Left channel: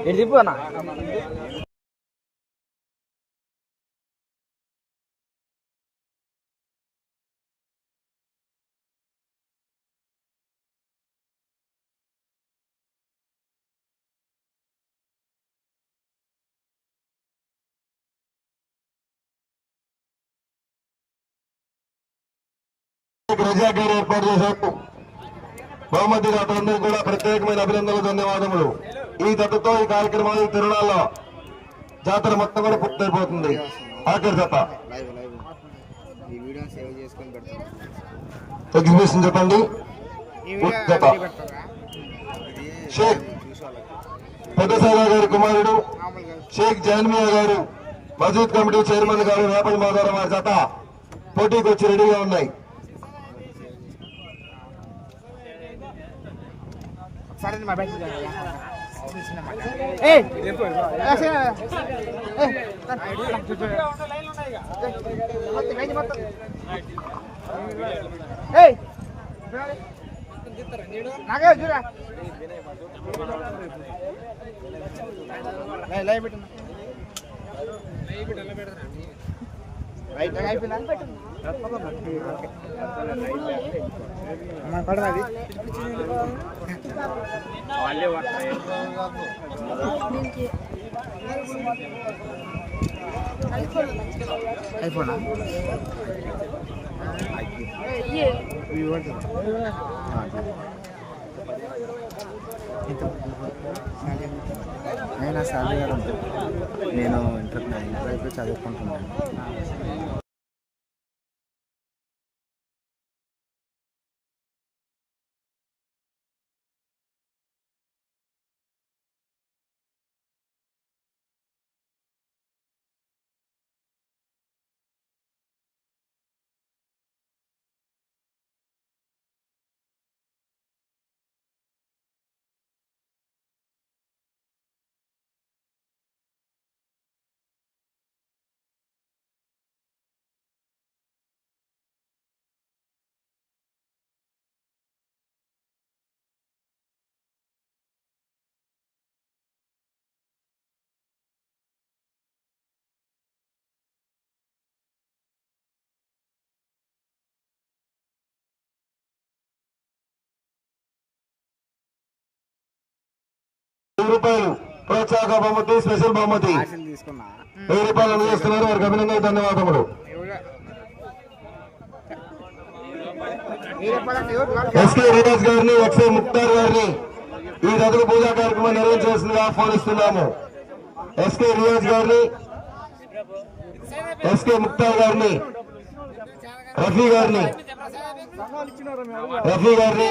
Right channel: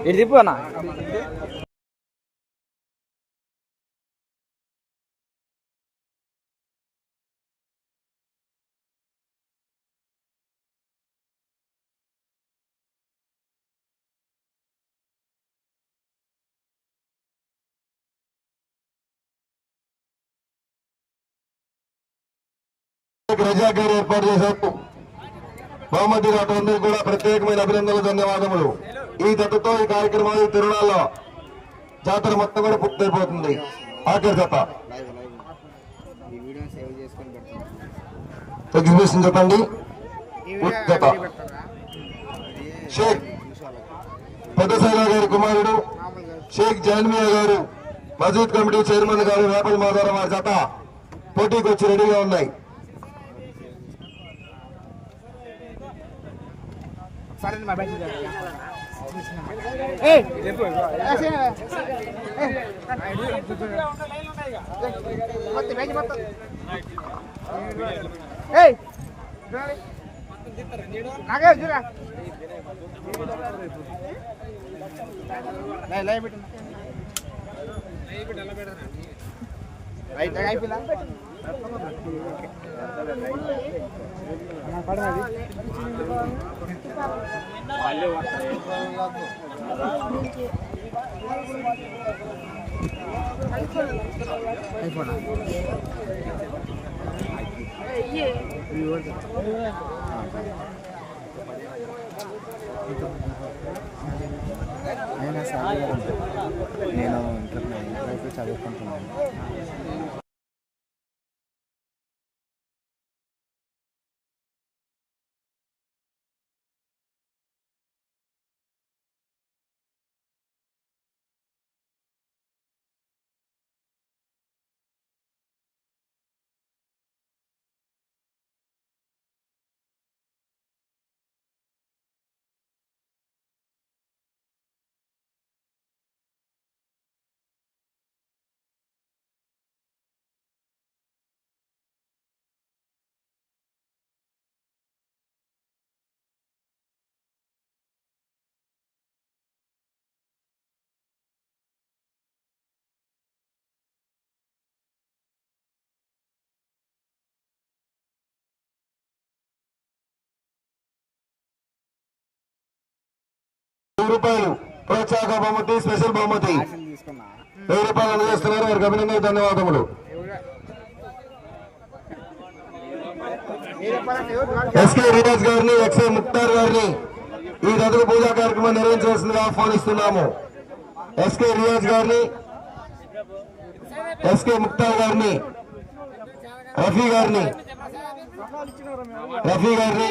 ఇటు తిప్పు అన్న రజా గారు ఏర్పాటు చేశారు బహుమతి డాక్టర్లందరూ కూడా ప్రత్యేకమైన అభినందనలు ధన్యవాదములు. ఈ దత్తతో ఈ కార్యక్రమాలు ఈ జాతర మొత్తం కూడా పూర్తయిపోతుంది. ఆఖరి దత్త ఎగ్జిబిషన్ చెప్పండి. దత్త షేక్ పెద్ద గారి కుమారుడు షేక్ జాన్మియా గారు మజూద్ కమిటీ చైర్మన్ గారు వేపల మాధవరావు గారి జత. పోటీకి వచ్చి రెడీగా ఉన్నాయి. లైవ్ పెట్టిన అయిపోయిందా? నేను సార్ గారు నేను ఇంటర్ ఇంటర్ చదువుకుంటున్నాను రూపాయలు. ప్రోత్సాహక బహుమతి స్పెషల్ బహుమతి. వెయ్యి రూపాయలు అందజేస్తున్నారు వారికి అభినందన ధన్యవాదములు. ఎస్కే రియాజ్ గారిని ఎక్స్ఏ ముక్తార్ గారిని ఈ నదుల పూజా కార్యక్రమం నిర్వహించాల్సిందిగా ఆహ్వానిస్తున్నాము. ఎస్కే రియాజ్ గారిని ఎస్కే ముక్తార్ గారిని రఫీ గారిని రఫీ గారిని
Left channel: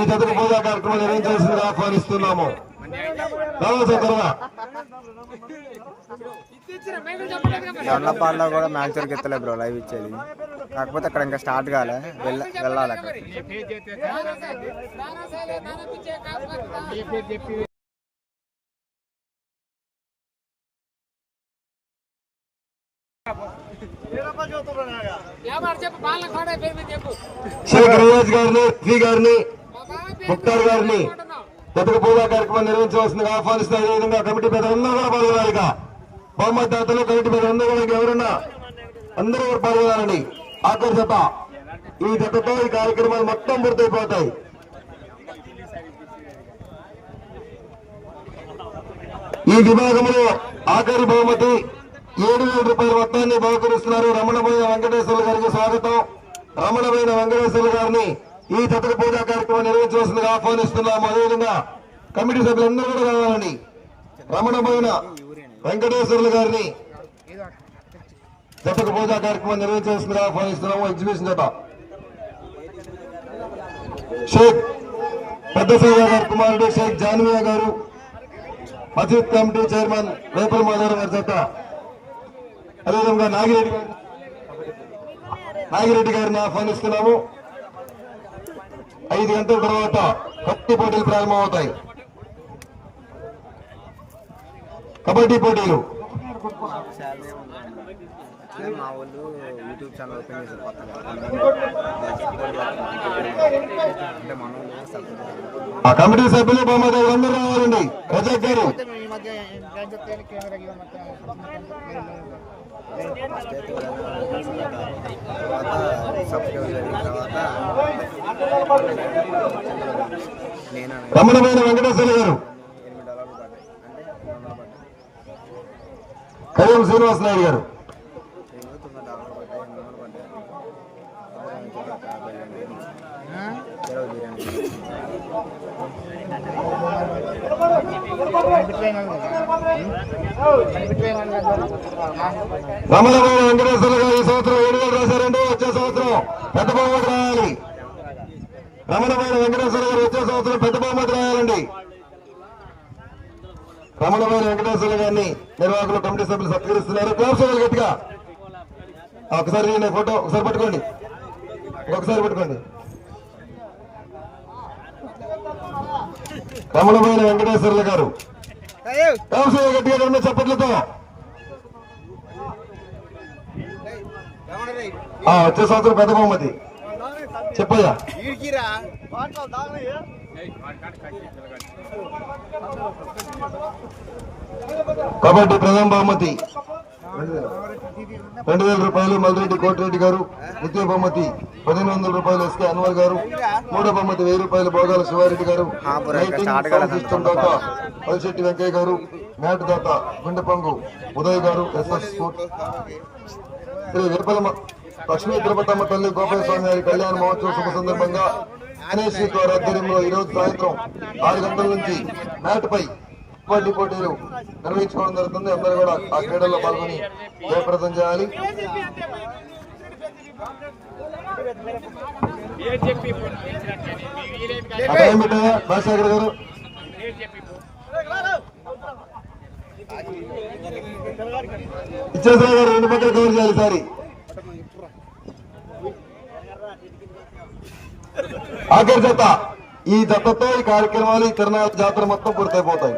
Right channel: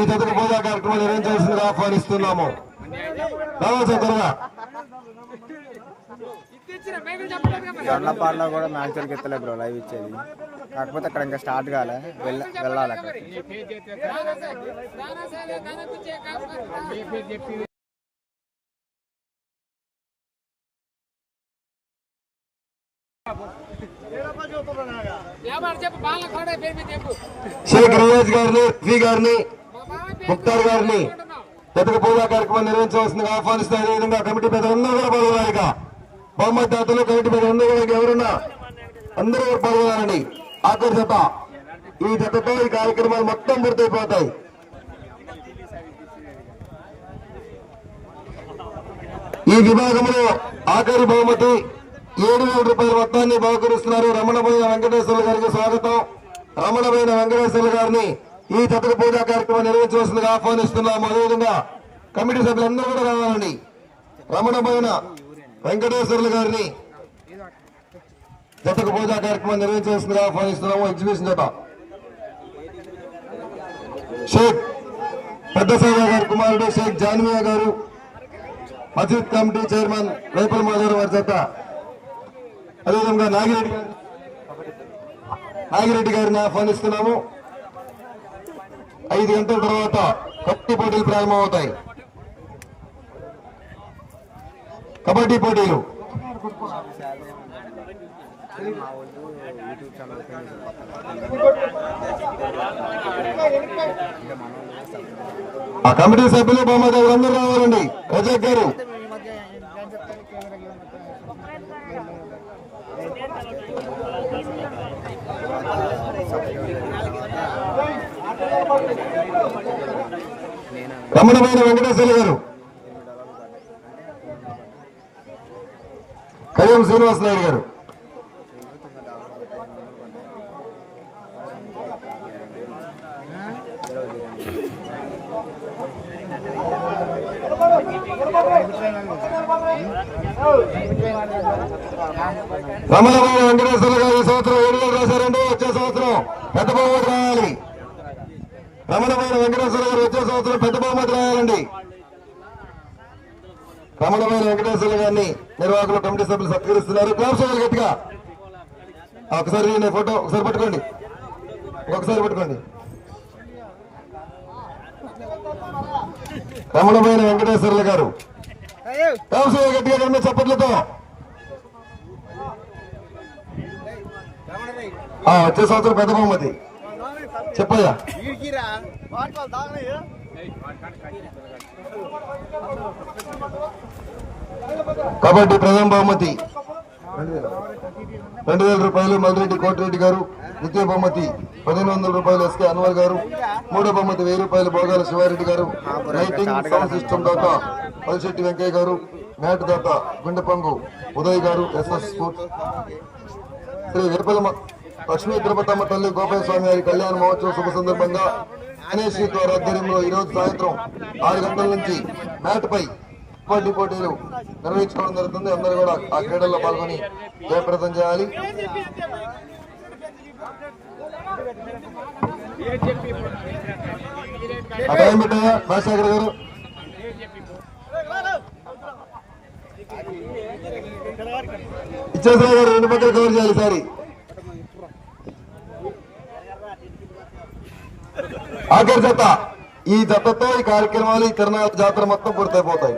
ఈ నదుల పూజా కార్యక్రమం నిర్వహించాల్సిందిగా ఆహ్వానిస్తున్నాము. దొండపాడులో కూడా మ్యాచ్ ఎత్తలే బ్రో లైవ్ ఇచ్చేది. కాకపోతే అక్కడ ఇంకా స్టార్ట్ కాలే వెళ్ళ వెళ్ళాలి అక్కడ. షేక్ రియాజ్ గారిని రఫీ గారిని ముక్తార్ గారిని ఇతర పూజా కార్యక్రమం నిర్వహించవలసిందిగా ఆహ్వానిస్తారు అదేవిధంగా కమిటీ పెద్దలందరూ కూడా పాల్గొనాలి బహుమతి దాతలు కమిటీ పెద్దలందరూ కూడా ఎవరున్నా అందరూ కూడా పాల్గొనాలండి ఆఖరి జత ఈ జతతో ఈ కార్యక్రమాలు మొత్తం పూర్తయిపోతాయి. ఈ విభాగంలో ఆఖరి బహుమతి ఏడు వేల రూపాయల మొత్తాన్ని బహుకరిస్తున్నారు రమణమైన వెంకటేశ్వర గారికి స్వాగతం. రమణమైన వెంకటేశ్వర గారిని ఈ తతక పూజా కార్యక్రమం నిర్వహించవలసిందిగా ఆహ్వానిస్తున్నాము. అదేవిధంగా కమిటీ సభ్యులందరూ కూడా రావాలని రమణమైన వెంకటేశ్వర్లు గారిని దత్తక పూజా కార్యక్రమం నిర్వహించవలసిందిగా ఆహ్వానిస్తున్నాము. ఎగ్జిబిషన్ జత షేక్ పెద్ద సేవ గారి కుమారుడు షేక్ జాన్వియా గారు మసీద్ కమిటీ చైర్మన్ వేపల్ మాధవరావు గారి జత అదేవిధంగా నాగిరెడ్డి నాగిరెడ్డి గారిని ఆహ్వానిస్తున్నాము. ఐదు గంటల తర్వాత పత్తి పోటీలు ప్రారంభమవుతాయి. కబడ్డీ పోటీలు. ఆ కమిటీ సభ్యులు బహుమతి అందరూ రావాలండి? రజాక్ గారు. రమణమైన వెంకటేశ్వర గారు. కళ్యాణ్ శ్రీనివాస నాయుడు గారు. రమణమైన వెంకటేశ్వర గారు ఈ సంవత్సరం ఏడు వేలు రాశారండి వచ్చే సంవత్సరం పెద్ద బహుమతి రాయాలి. రమణమైన వెంకటేశ్వర గారు వచ్చే సంవత్సరం పెద్ద బహుమతి రాయాలండి. రమణమైన వెంకటేశ్వర గారిని నిర్వాహకులు కమిటీ సభ్యులు సత్కరిస్తున్నారు. క్లాస్ గట్టిగా. ఒకసారి నేను ఫోటో ఒకసారి పట్టుకోండి. ఒకసారి పట్టుకోండి. రమణమైన వెంకటేశ్వర్ల గారు. గట్టిగా రెండు చప్పట్లతో. వచ్చే సంవత్సరం పెద్ద బహుమతి చెప్పయ్యా. కబడ్డీ ప్రథమ బహుమతి. రెండు వేల రూపాయలు మల్రెడ్డి కోటిరెడ్డి గారు ద్వితీయ బహుమతి పదిహేను వందల రూపాయలు ఎస్కే అన్వర్ గారు మూడో బహుమతి వెయ్యి రూపాయలు భోగాల శివారెడ్డి గారు పల్శెట్టి వెంకయ్య గారు మ్యాట్ దాత గుండెపంగు ఉదయ్ గారు ఎస్ఎస్ శ్రీ విరపలమ లక్ష్మీ తిరుపతమ్మ తల్లి గోపాల స్వామి వారి కళ్యాణ మహోత్సవ శుభ సందర్భంగా గణేష్ ద్వారా ఆధ్వర్యంలో ఈ రోజు సాయంత్రం ఆరు గంటల నుంచి నాటిపై కబడ్డీ పోటీలు నిర్వహించుకోవడం జరుగుతుంది. అందరూ కూడా ఆ క్రీడల్లో పాల్గొని జయప్రదం చేయాలి. భాషాగర్ గారు ఇచ్చేసిన గారు. రెండు పక్కల కవర్ చేయాలి సారి ఆఖరి జత ఈ జతతో ఈ కార్యక్రమాలు ఈ తిరునాళ్ళ జాతర మొత్తం పూర్తయిపోతాయి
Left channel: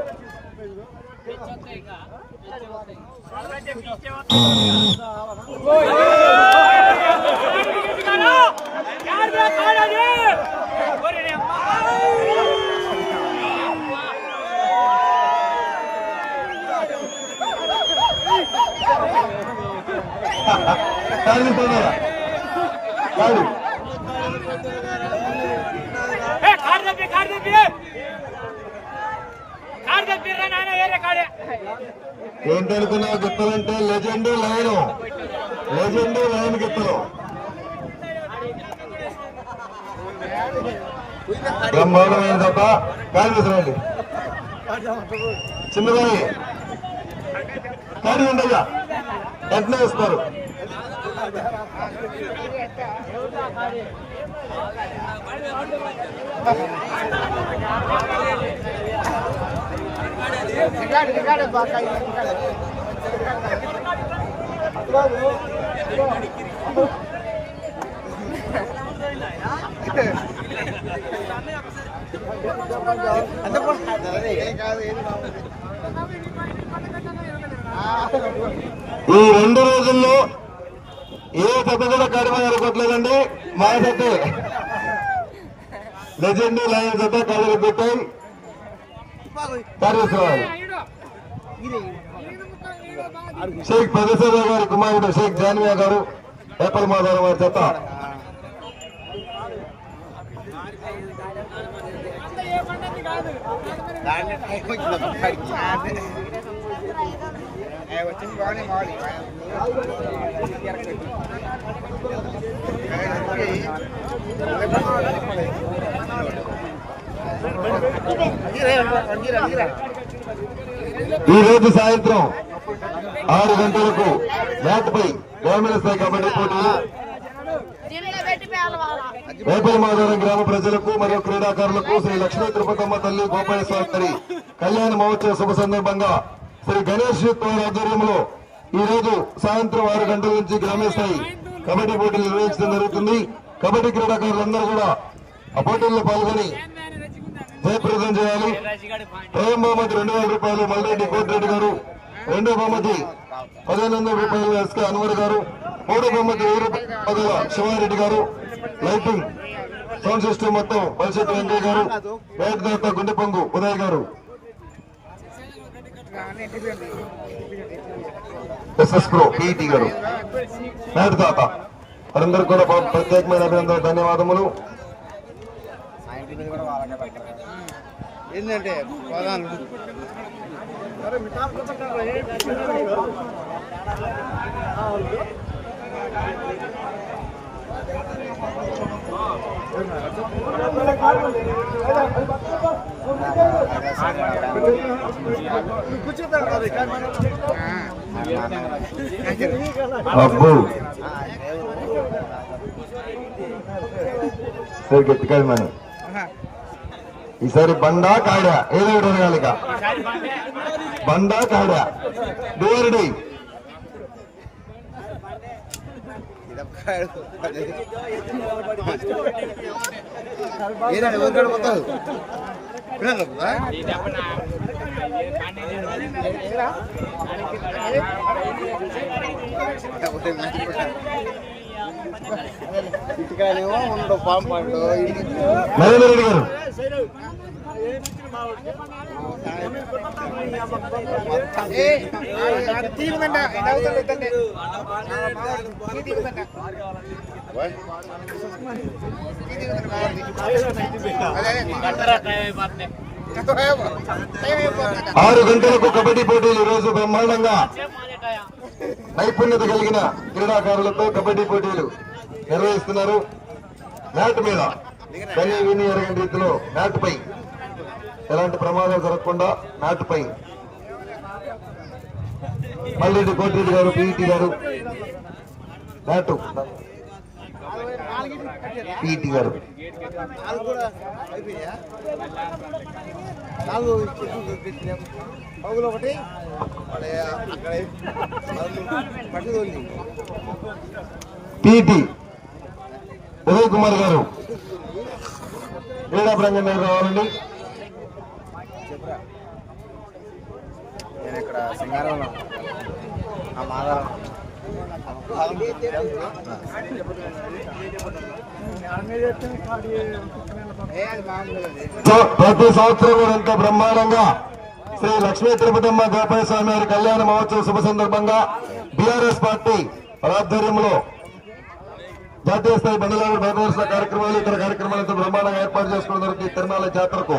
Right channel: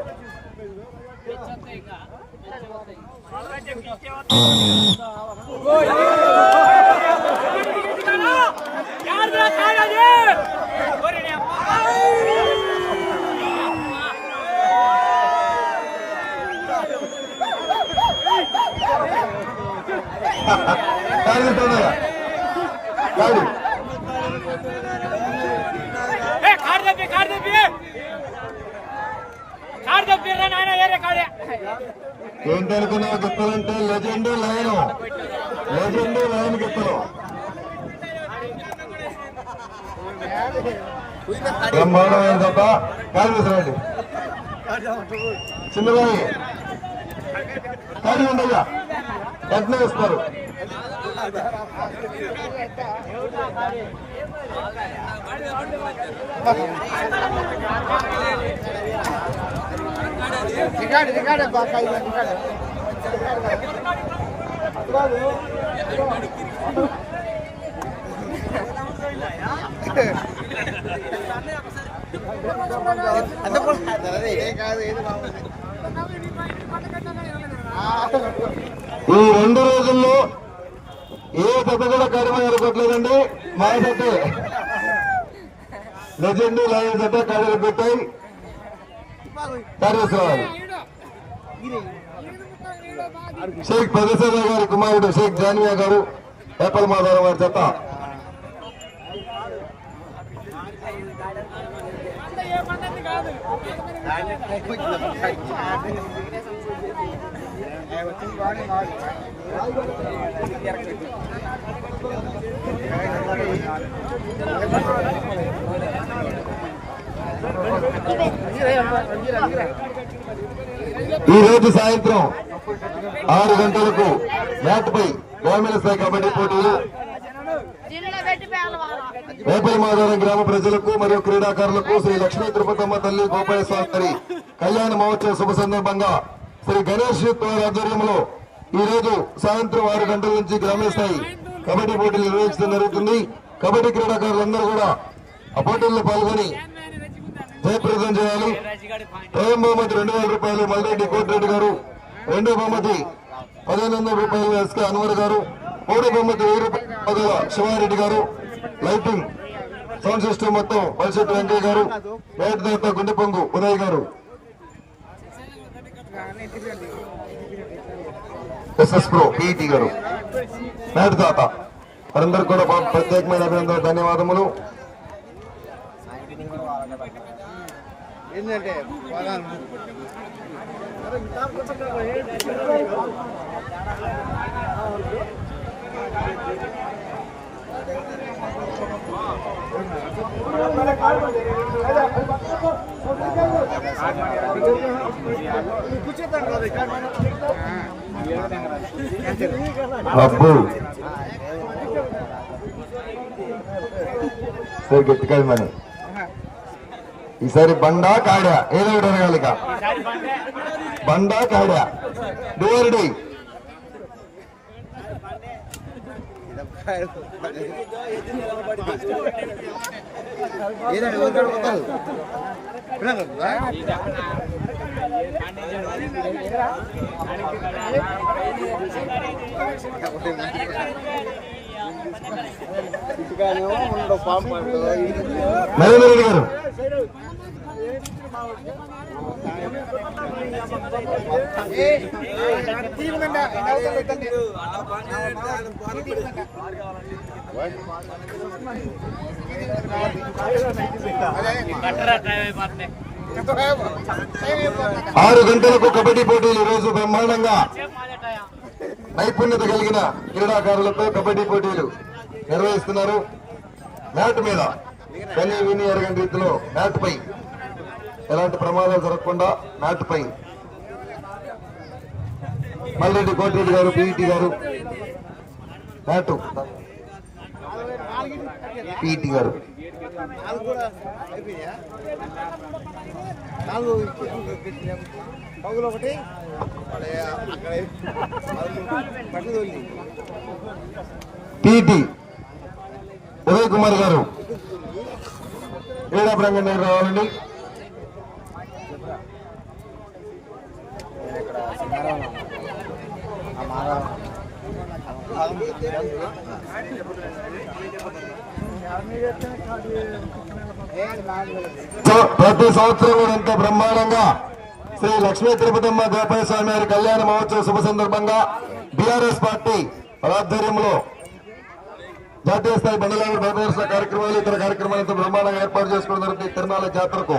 కాదు తొందరగా. కాదు. ఏ. కార్ దప్పి వేరే లెజెండ్ లైన్ లెజెండ్ లైన్ గిత్తలు బ్రహ్మాండమైన తప్ప కాదు తీసుకురండి. చిన్నది కాదు. అయ్యా ఎట్లా ఇస్తారు? ఈ రెండు రోజుల్లో ఏ పెద్ద కూడా కడిమ ఎరగట్లేదండి మా జతే లెజెండ్ లైన్ జత కడిగిపోతాం కార్యశ్రాలు షేక్ ప్రొఫెసర్ గారి కుమారుడు షేక్ జానియా గారు ఏపల్ మాధవరావు వారి జత. ఈ రోజు సాయంత్రం ఆరు గంటలకు నాటిపై గ్రామీణ స్థాయి కబడ్డీ పోటీలు. జిల్లా గ్రామ ప్రజలకు మరియు క్రీడాకారులకు శ్రీ లక్ష్మీ తిరుపతమ్మ తల్లి గోపాల శాస్త్రి కళ్యాణ మహోత్సవ శుభ సందర్భంగా శ్రీ గణేష్ వారి ఆధ్వర్యంలో ఈ రోజు సాయంత్రం ఆరు గంటల నుంచి గ్రామీణ స్థాయి కబడ్డీ పోటీలు నిర్వహించడం జరుగుతుంది. కబడ్డీ క్రీడాకారులందరూ కూడా ఆ పోటీల్లో పాల్గొని జయప్రదం చేయాలి. ప్రథమ బహుమతి రెండు వేల రూపాయలు మల్రెడ్డి కోటిరెడ్డి గారు రెండో బహుమతి పదిహేను వందల రూపాయలు ఎస్కే అన్వర్ గారు మూడో బహుమతి వెయ్యి రూపాయల శివారెడ్డి గారు లైటింగ్ సౌండ్ సిస్టమ్ మొత్తం పల్సెట్టి వెంకయ్య గారు లైట్ గుండెపొంగు ఉదయ్ గారు. ఎస్ఎస్ ప్రో పీఈటీ గారు. నాటి తాత వారందరికీ కూడా ప్రత్యేకమైన అభినందన ధన్యవాదములు. ఏంటంటే పదాలు అబ్బో సరే మనం ఈసారి బండా కాడా? ఏదో ఒకటి అడగాలి ఇక. బండా కాడా? ఏదండి ఒకటి పోతావు నరేంద్ర రెడ్డి గారు. ఆరు గంటలకు కబడ్డీ పోటీలు రోజు బ్రహ్మాండంగా. నైపుణ్యత కలిగిన క్రీడాకారులతో కబడ్డీ పోటీలు నిర్వహిస్తున్నారు. మ్యాట్ మీద కన్యా విని అరగంట రీతిలో మ్యాట్ పై ఎలాంటి ప్రమాదాలు జరగకుండా మ్యాట్ పై మల్లెడ్డి కోటిరెడ్డి గారు పిఈటి గారు మ్యాట్. పిఈటి గారు. నాలుగు ఒకటి అక్కడ పట్టుకు ఉదయ్ కుమార్ గారు. క్రీడా ప్రాంగణం రావాలండి. నేను ఇక్కడ ప్రతి సంవత్సరం ఎంతో బ్రహ్మాండంగా శ్రీ లక్ష్మీ తిరుపతమ్మ గోపాల స్వామి వారి కళ్యాణ మహోత్సవ శుభ సందర్భంగా బీఆర్ఎస్ పార్టీ ఆధ్వర్యంలో జాతీయ స్థాయి బండలాగు ప్రదర్శన కార్యక్రమాలు ఇతర కార్యక్రమాలతో బ్రహ్మాండంగా ఏర్పాటు చేసుకోవడం జరిగింది తిరుమల జాతరకు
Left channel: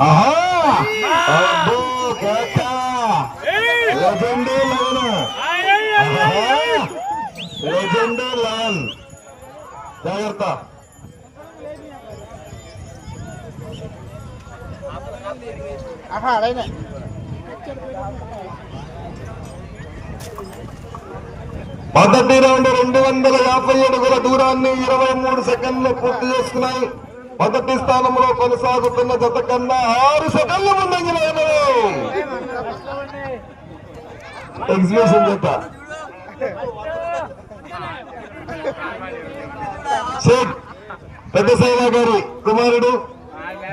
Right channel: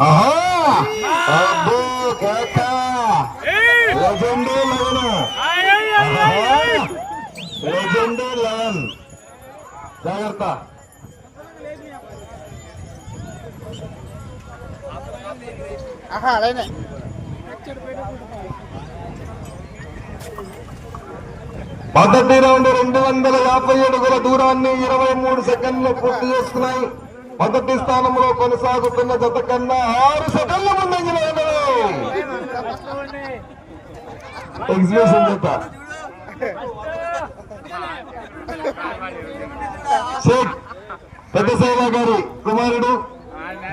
ఆహా! అబ్బో, కేత! లెజెండ్ లెవెన్ ఆహా! లెజెండ్ లెవెన్ జాగ్రత్త మొదటి రౌండ్ రెండు వందల యాభై అడుగుల దూరాన్ని ఇరవై మూడు సెకండ్లు పూర్తి చేసుకున్నాయి. మొదటి స్థానంలో కొనసాగుతున్న జత కన్నా ఆరు సెకండ్ల ముందంజలో ఎగ్జిబిషన్ జత. షేక్ పెద్ద సైనా గారి కుమారుడు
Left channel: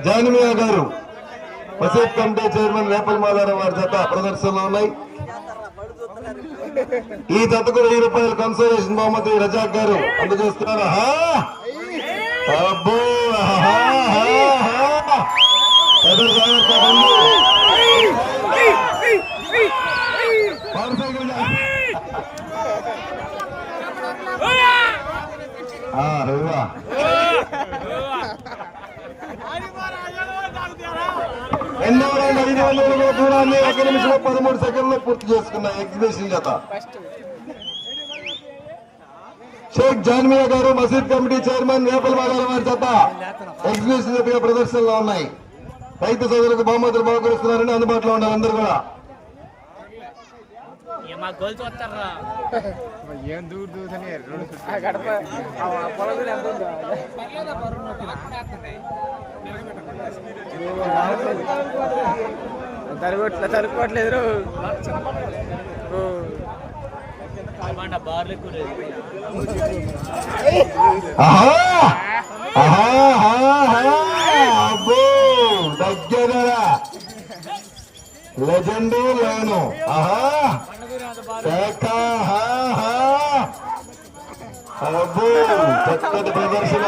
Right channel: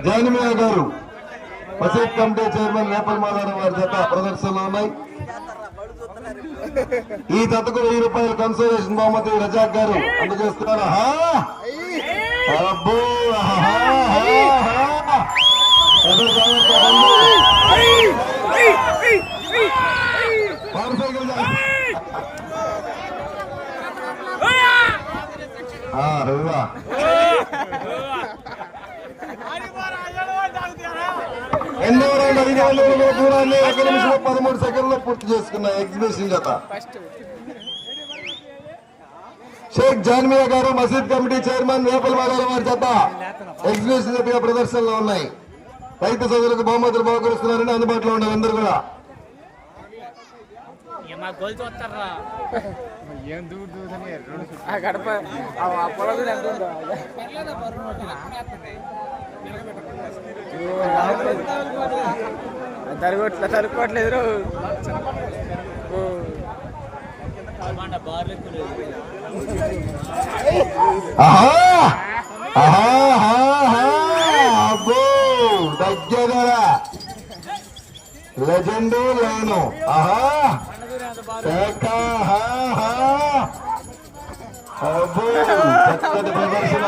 జానిమియా గారు. వసీఫ్ కమిటీ చైర్మన్ వేపల్ మాలారావు వారి జత ప్రదర్శనలో ఉన్నాయి. ఈ జతకు వెయ్యి రూపాయల కన్సోలేషన్ బహుమతి రజాక్ గారు అందజేస్తున్నారు. ఆహా! అబ్బో! ఆహా! రువ్వా. ఐదు వందల అడుగుల ఒక నిమిషంలో పదమూడు సెకండ్లో పూర్తి చేసుకున్న ఎగ్జిబిషన్ జత షేక్ జాన్మియా గారు మసీద్ కమిటీ చైర్మన్ వేపల్ మాదాల వారి జత ఎగ్జిబిషన్ జతగా ప్రదర్శనలో ఉన్నాయి రైతు సోదరులకు బహుమతులు బహుకరిస్తున్నారని అందుబాటులో ఉండాలి అందరూ కూడా మా గోల్ చూస్తారా? ఏం దూరు దూరని తరగట్లే తరుకోవట్లేదు అబ్బో! దగ్గర లేను ఆహా. చక్కటి ప్రదర్శన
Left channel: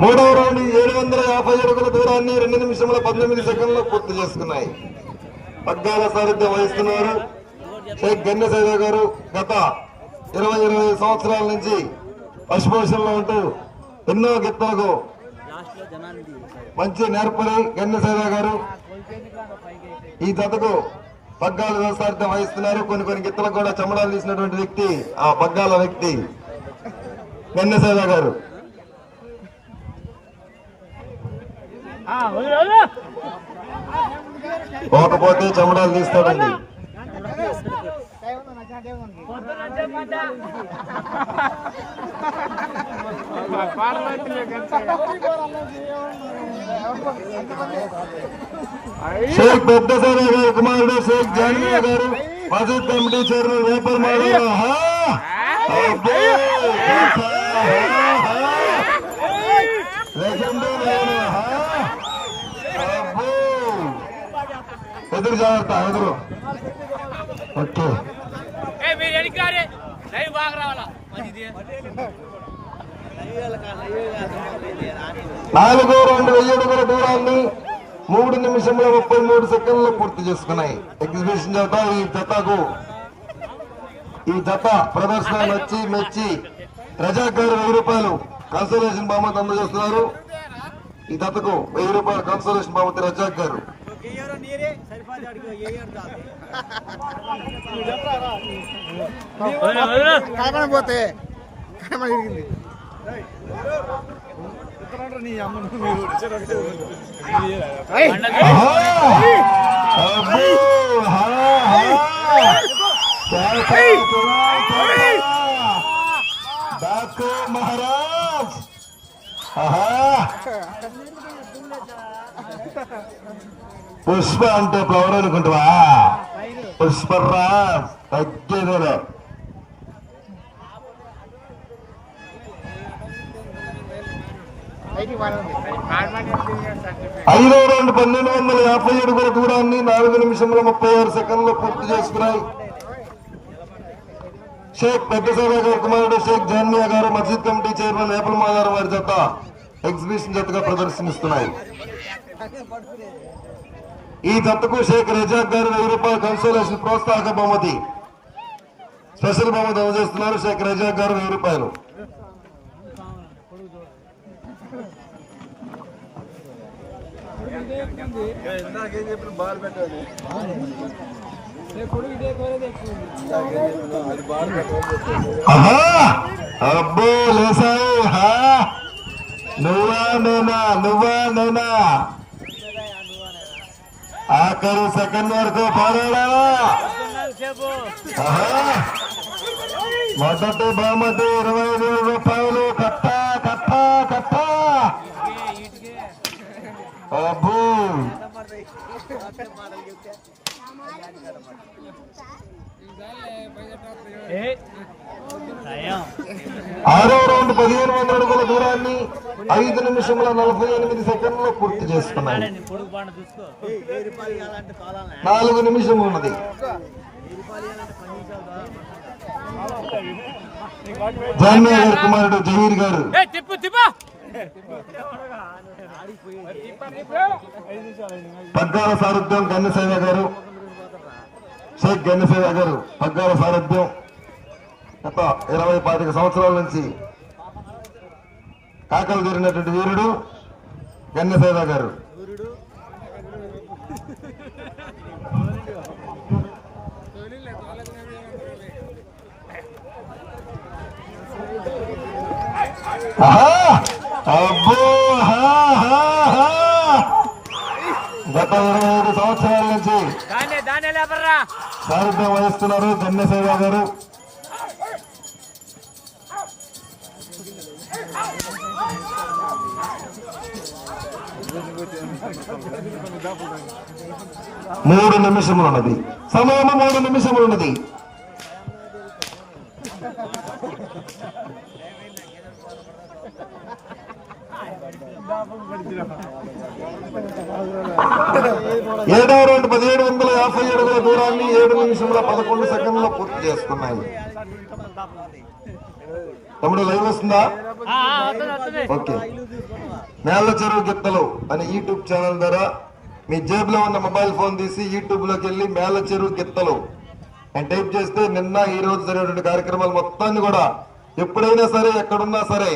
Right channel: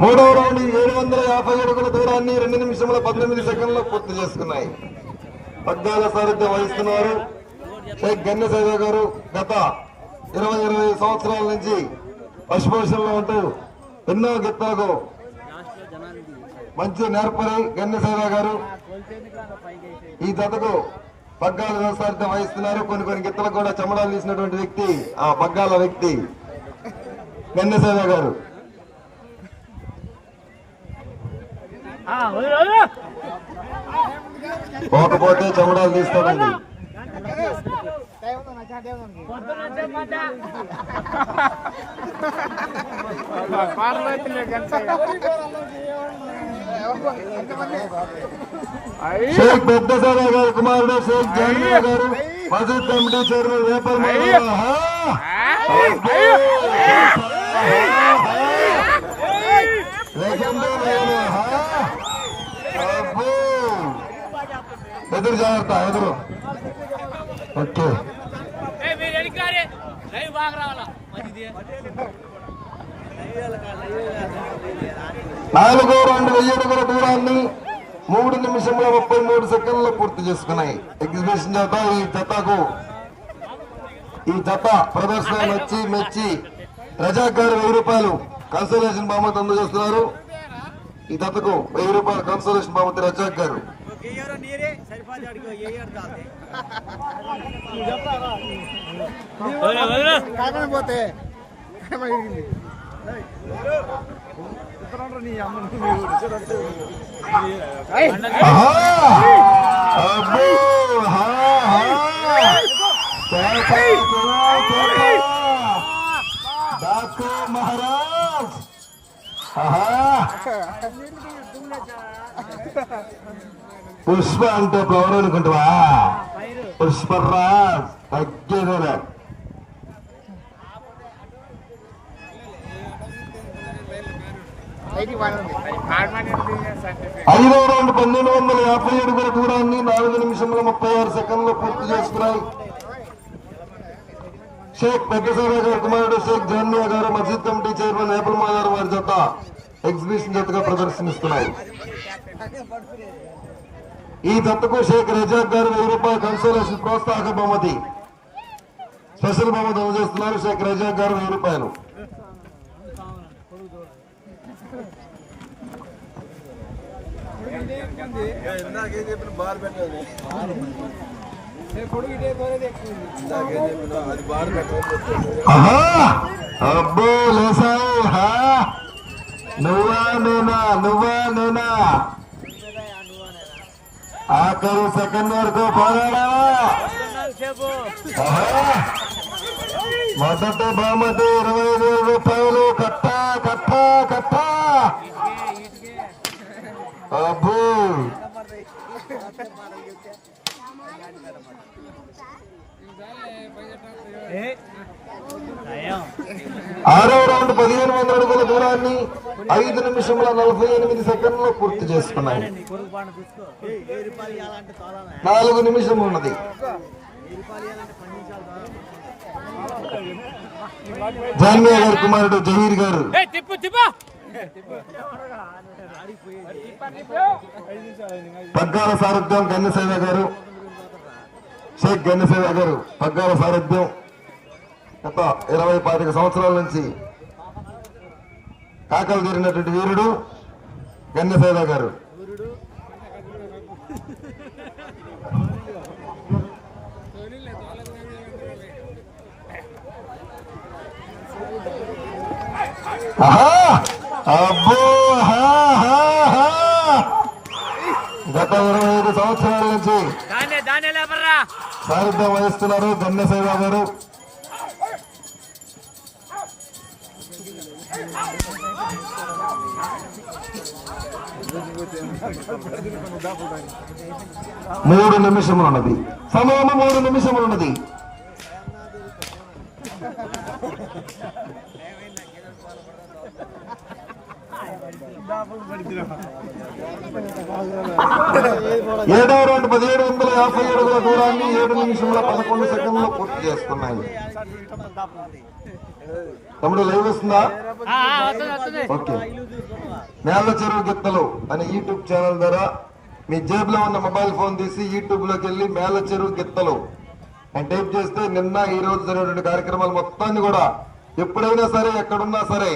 మూడవ రౌండ్ ఏడు వందల యాభై అడుగుల దూరాన్ని రెండు నిమిషముల పంతొమ్మిది సెకండ్లు పూర్తి చేసుకున్నాయి. పగ్గాల సారథ్యం వహిస్తున్నారు. షేక్ గన్నసేద గారు గత ఇరవై ఇరవై సంవత్సరాల నుంచి పశుపోషణలో ఉంటూ ఎన్నో గిత్తలకు మంచి నేర్పరి గన్నసేవ గారు ఈ జతకు పగ్గాల వ్యవసాయం వహిస్తున్నారు. కొన్ని కొన్ని గిత్తలకు కూడా చెమడాలు తీసినటువంటి వ్యక్తి ఆ పగ్గాల వ్యక్తి గన్నసేవ గారు. పోకపోతే చెమడాలు తీస్తాడండి. షేక్ పెద్ద సారా గారు కుమారుడు షేక్ జానయ్య గారు మసీద్ కమిటీ చైర్మన్ వేపల్ గారు ఆహా! అబ్బో! ఆహా! లెజెండు నేను, ఆహా! అబ్బో! ఎదురు జాగ్రత్త ఎదురు ఓకే నాలుగో రెండు వెయ్యి అడుగుల దూరాన్ని మూడు నిమిషముల ముప్పై మూడు సెకండ్లు పూర్తి చేసుకున్నాయి. ఎగ్జిబిషన్ చేత ఈ జతకు ఈ జత ప్రదర్శన నచ్చి మెచ్చి రజాకారు వెయ్యి రూపాయలు. కన్సల్టేషన్ బహుమతి అందజేస్తున్నారు. ఈ జతకు వెయ్యి రూపాయల కన్సోలేషన్ బహుమతి రజాక్ గారు. పోతే మహారాజ్! పుష్ప అంటే ఫ్లవర్ అనుకుంటావా పుష్పరా? తగ్గేదే ఐదో రౌండ్ పన్నెండు వందల యాభై అడుగుల దూరాన్ని నాలుగు నిమిషంలో ముప్పై ఆరు సెకండ్లు పూర్తి చేసుకున్నాయి. షేక్ పెద్దసాగర్ గారి కుమారుడు షేక్ జాన్మియా గారు మసీద్ కమిటీ చైర్మన్ ఏపల్ మాదారు వారి జత ఎగ్జిబిషన్ జతగా ప్రదర్శనిస్తున్నాయి. ఈ జతకు షేక్ రజాక్ గారు వెయ్యి రూపాయల కన్సోలేషన్ ప్రోత్సాహక బహుమతి. స్పెషల్ బహుమతి అందజేస్తున్నారు షేక్ రజాక్ గారు వెయ్యి రూపాయలు. అబ్బో లేసావు హా! నువ్వా నేనా నువ్వా? నేనా ఆఖరి సెకండ్ వరకు పోరాడావా మొదట మొదటి బహుమతి ఇరవై ఐదు వేల రూపాయలు. కట్ట కట్ట కట్ట! అబ్బో ఏ, ఆరో రౌండ్ పదిహేను వందల అడుగుల దూరాన్ని ఐదు నిమిషముల నలభై ఎనిమిది సెకండ్లు పూర్తి చేసుకున్నాయి. నీ పొరుగు పాట చూసుకో నాలుగు నిమిషములు ఉన్నది. గారి కుమారుడు జహీర్ గారు. పగ్గాల సారథ్యం గన్నసేవ గారు. షేక్ గన్నసేవ గారు పగ్గాల సారథ్యం గత ఇరవై పాతిక సంవత్సరాల నుంచి కాకలు జరిగినటువంటి వీరుడు గన్నసేవ గారు. ఆహా! అబ్బో ఆహా, ఆహా, ఆహా! గత ఇరవై ఐదు సంవత్సరాల నుంచి దాన్నే దాన్నే లేపర్రా సారథ్యం వహిస్తున్నారు గన్నసేవ గారు. మూడు నిమిషములు ఉన్నది సమయము మూడు నిమిషములు ఉన్నది ఏడవ రెండు పదిహేడు వందల యాభై అడుగుల దూరాన్ని ఏడు నిమిషంలో పదకొండు సెకండ్లో పూర్తి చేసుకున్నాయి. తమ్ముడు లైవ్ వస్తుందా? ఓకే. మేళ్ళ చెరువు గిత్తలు అనే యూట్యూబ్ ఛానల్ ద్వారా మీ జేబులో ఉన్న మొబైల్ ఫోన్ తీసి యూట్యూబ్లోకి వెళ్ళి మేళ్ళ చెరువు గిత్తలు అని టైప్ చేస్తే నిన్న ఈ రోజు జరిగినటువంటి కార్యక్రమాలు మొత్తాన్ని కూడా ఎప్పుడైనా సరే ఎక్కడున్నా సరే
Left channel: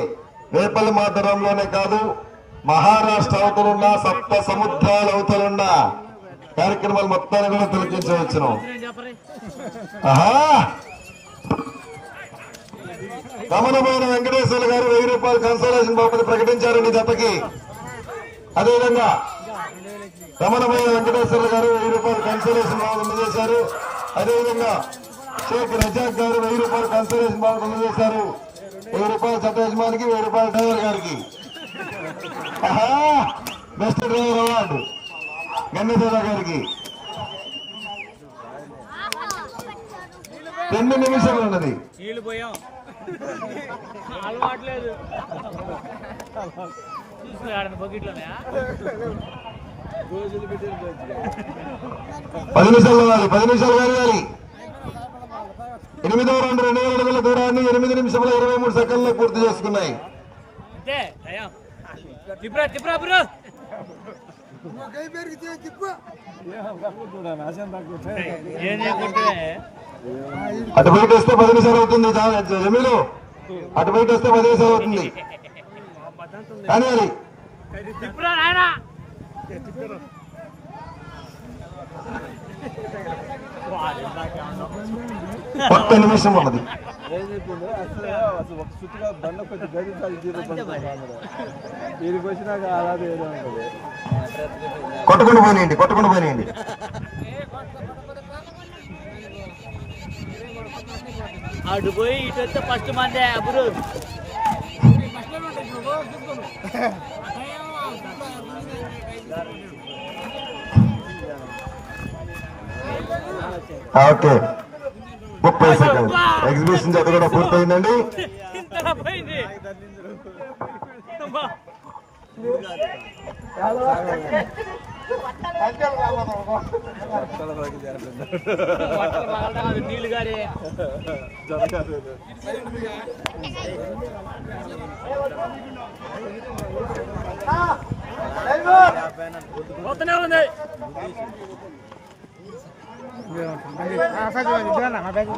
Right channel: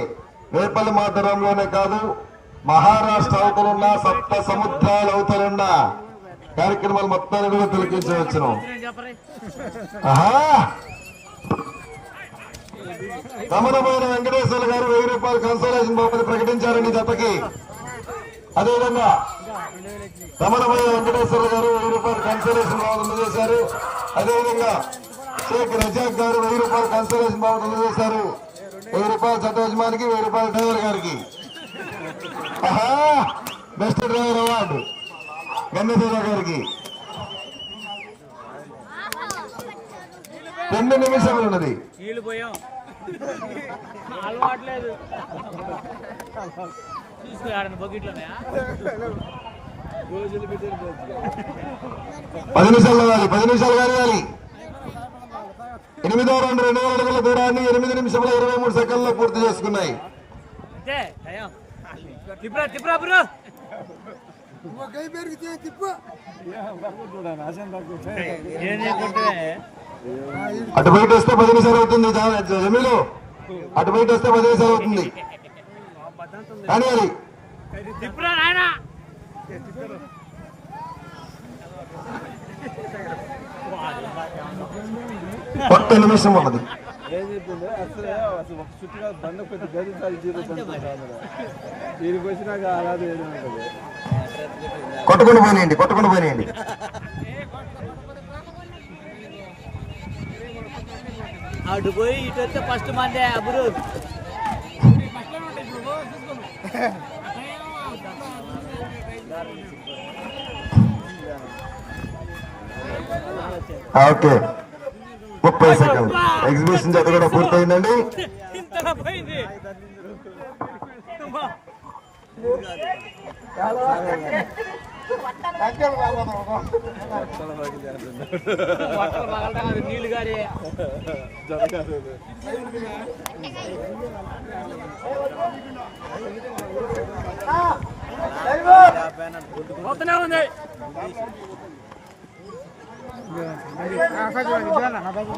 వేపల్లి మాతరంలోనే కాదు మహారాష్ట్ర అవతలున్నా సప్త సముద్రాల అవతలున్నా కార్యక్రమాలు మొత్తాన్ని కూడా తిలకించవచ్చును ఆహా! రమణమైన వెంకటేశ్వర గారు వెయ్యి రూపాయలు కన్సల్టేషన్ బాబుని ప్రకటించారు ఈ జతకి. అదేవిధంగా రమణమైన వెంకటేశ్వర గారు వెయ్యి రూపాయలు కన్సల్టేషన్ బాబు అందజేశారు. అదేవిధంగా షేక్ రజాక్ గారు వెయ్యి రూపాయలు కన్సల్టేషన్ బాబు అందజేశారు. వెయ్యి రూపాయలు చట్ట యజమానికి వెయ్యి రూపాయలు డ్రైవర్ గారికి. Best driver award. గన్నసేన గారికి. రెండు నిమిషములు ఉన్నది. అలవాట్లేదు. పది నిమిషాలు కావాలి పది నిమిషాలు కావాలి ఎనిమిదో రౌండ్ రెండు వేల అడుగుల దూరాన్ని ఎనిమిది నిమిషముల ఇరవై మూడు సెకండ్లో పూర్తి చేసుకున్నాయి. అంతే అటు బయట వస్తే పది నిమిషాలు అవుతుంది జా- జమీలు అటు బయట వస్తే పది నిమిషాలు అవుతుంది కానీ అది ఒక్క నిమిషం ఉన్నది. ఏం చెప్పింది అసలు అసలు ఒక చుట్టుగా బండ కొంచెం గది జీరో దీనికి వచ్చినాక అలాగే ఏదో ఉంటుంది. కొట్టుకుని పోయినాయండి కొట్టుకుని పోయినాయండి అటు పోయి ఇటు వస్తే ఫస్ట్ మందే అబ్రు ఓకే. ముప్పై సెకండ్ ఎగ్జిబిషన్ జత కూడా పూర్తయిందండి. 啊，三哥，你不要拿了 juga.